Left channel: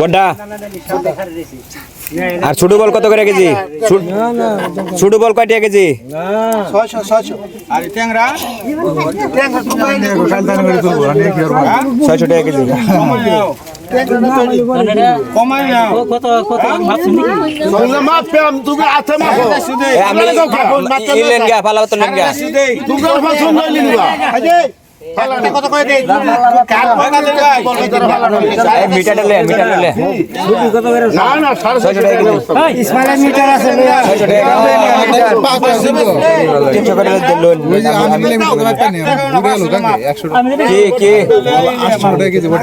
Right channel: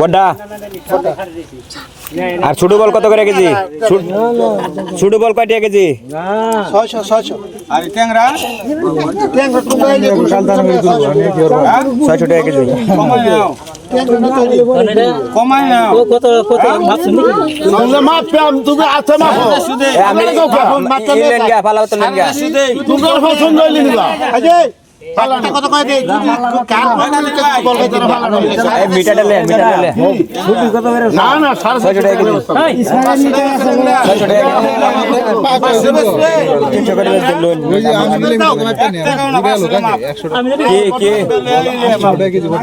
বড়া আর ছোট বল কত করে কেজি? ছোট বল কয় টাকা কেজি? 600 আর ট্যাংরা 600 টাকা কেজি। কমাই না কত কত ভাবছেন নাকি মাপ পেম তুমি আতে মাপো আমি ইলেন গা ফালা তো লেন গা তুমি পছন্দ হইলি নিবা কত কয় দেই কার বল কত এই মিটারটা লে ছুটি কত করে না না 600 টাকা কেজি। ইসমাইল মিটার আছে 600 টাকা 300 করে লোন কি কি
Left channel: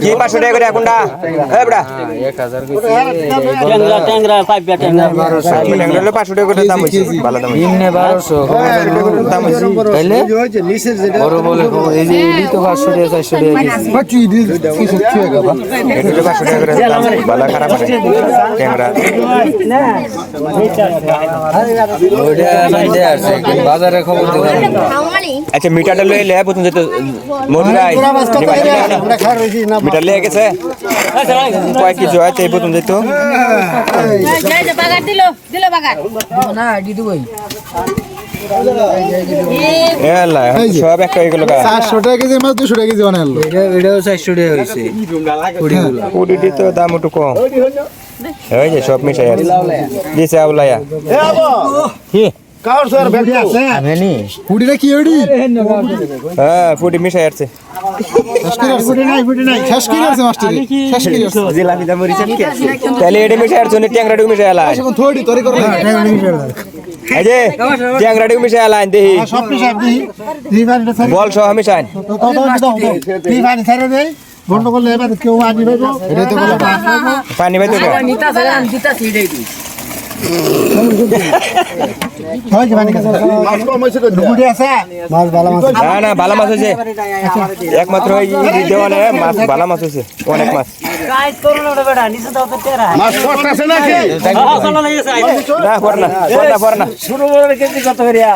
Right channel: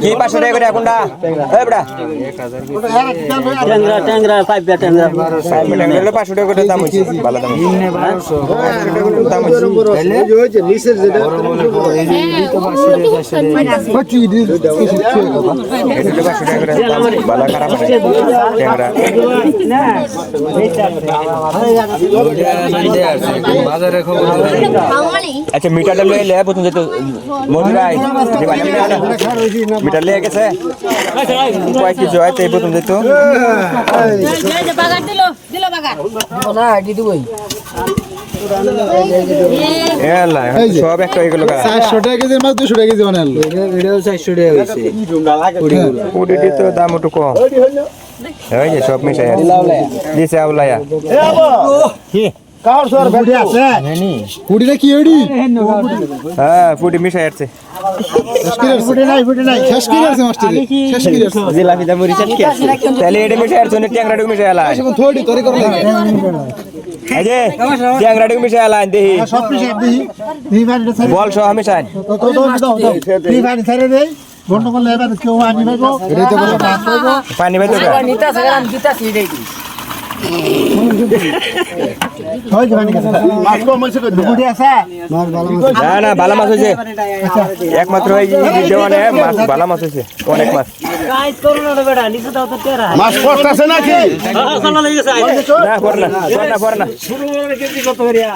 কি 500 টাকা করে এখনটা এ বড়া ট্যাংরা পাইপটা ট্যাংরা 500 টাকা করে দাম হইছে ভালো দাম হইছে 1200 টাকা করে দাম হইছে তাইলে ওই যে নিচের যেটা এটা 500 টাকা করে দাম ভালো খারাপ আছে ক্যামেরা বাজারে খবর আচ্ছা মিটারটা লয়ে লে প্রথম যেত মজুরাই মিটার লয়ে গেছে কয় কি জয় তাই প্রথম যেত এলা সব একটা হয়ে গেল 400 টাকা কেজি মাছ 200 টাকা কেজি বানালো এটাও 400 টাকা হইছে পুডিটি তো দাম একটু কম এই যে সব মিশাই আছে দিছে আউলায়া এ আবো কি কার স্যার বেটি আছে নেনি পুডিটা কি হইডি হ্যাঁ পুডি মিশাই আছে পুডি নাই শেষ করে আছে মাস্টার শেষ করে আছে জিলাপি দা মরিছেন কি আছে তাহলে এটা মিশাই আছে ট্যাংরাডু মিশাই আলা এখন থোড়ি তোরে করে এই যে ট্যাংরাডু মিশাই আলা দেহি সব পিছাই দি বাড়িটা ছেড়ে বল সহ মিশাই দি বাড়ি ছেড়ে দেই বন্ধ করলে এবার কেউ আনি পাইবো এটাই তো কথা পানি বাইতে নিতা সেরান দিতা সিডাই দি হয় কি বানি কাছে মাছ কম হইছে কই পুডি আছে মাছ ভালো মাছ না না ভালো মাছ হইছে একমাত্র এই দেওয়ানে মাছ ভালো মাছ হইছে অনেক মাছ গাইস করুন না বেটা নিচে দাও তো তেরা মাছ কষ্ট আছে নাকি হ্যাঁ খানা লাগিয়েছে না পড়না শুরু করে কেজি কত করিয়া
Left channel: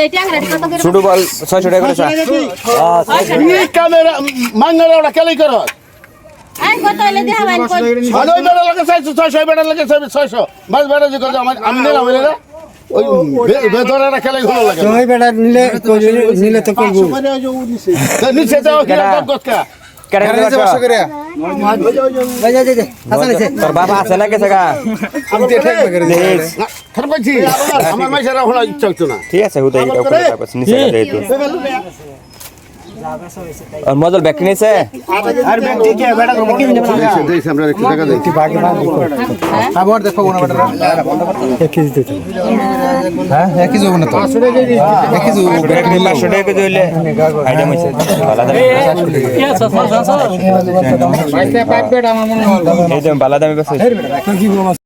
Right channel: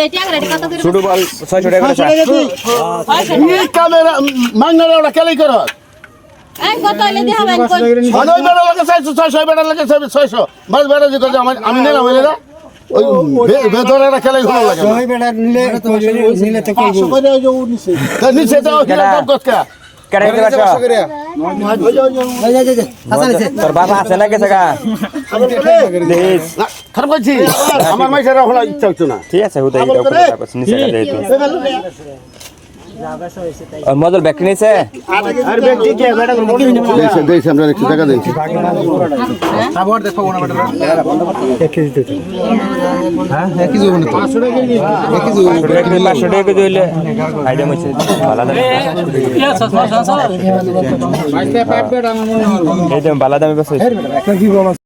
এই ট্যাংরা কত করে ছোট বল 600 টাকা করে এই ক্যামেরা মাঙ্গলা ওটা কেলাই করো এই কত হইলে দেখাবেন কোন ছয় বেড়া লাগে 600 বেড়া লাগে 600 মাছ বেড়া যে কথা আমি নিলাম হইলে ওই বেদরাটা কেলাই ভালো লাগে ছয় বেড়া নিলে তো করব 500 করে যে নিচে নিচে তো কতকা কেটে দিতে পারছো তোর বাবা আছে না গেছে গা খারাপ করছি আমার মাইসারা হলো ইচ্ছা হতো না ঠিক আছে হুদাই দাও করে তারপর নিচে যাই তো আর মজল ব্যাক নিছে আর ব্যক্তি কে বেড়া দেখি আমরা একটু টাকা দেই আবার দেখো কোন বেড়া এক কেজি দিতে হ্যাঁ এক কেজি না 500 টাকা কেজি 500 টাকা কেজি হইলে আইডিয়া হইছে ভালো দাম এই দাম ভালো দামে বেচে